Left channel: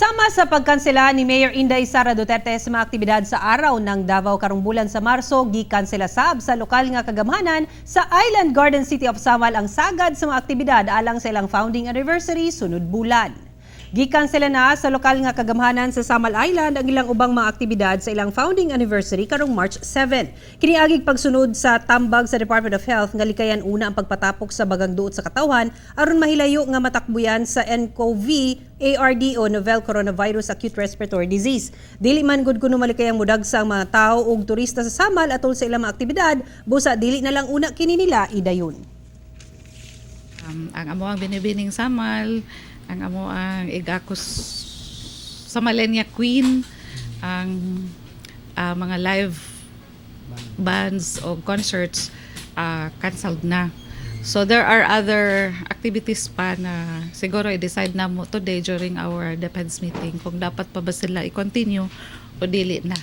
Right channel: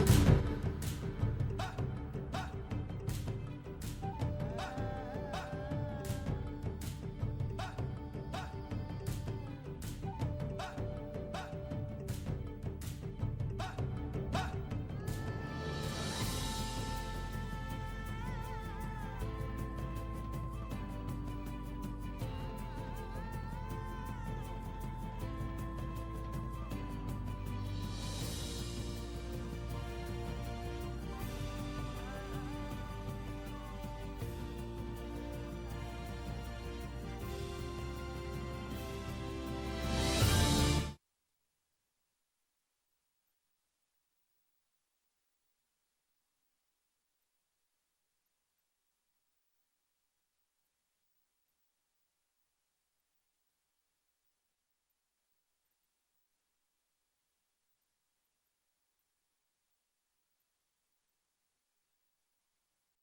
Sama sa pagkansela ni Mayor Inday Sara Duterte sa mga aktibidad sa araw ng Davao karong bulan sa Marso, gikansela sab sa lokal nga kagamhanan sa Island Garden City of Samal ang sagad sa mga aktibidad alang sa ilang founding anniversary sunod bulan. Gikansela na sa lokal nga kagamhanan sa Samal Island ang ilang ubang mga aktibidad sa ilang founding anniversary karong March 7. Kiniagig pagsunod sa tambag sa Department of Health nga likayan una ang pagpatapok sa bagang duot sa katawhan aron mahilayo nga matakbuyan sa nCoV ARD o Novel Coronavirus Acute Respiratory Disease. Dili man gud kuno malikayang mudagsa ang mga tao ug turista sa Samal atol sa ilang mga aktibidad, busa dili na lang una kini nila idayon. Ang amo ang binibining Samal, ang amo ang igakos Samalenia Queen, ang mga live bands o concerts canceled na. So there are other activities pa na siguro i-decide na mo today during our DepEds meeting kung dapat pa ba sila i-continue o dili na.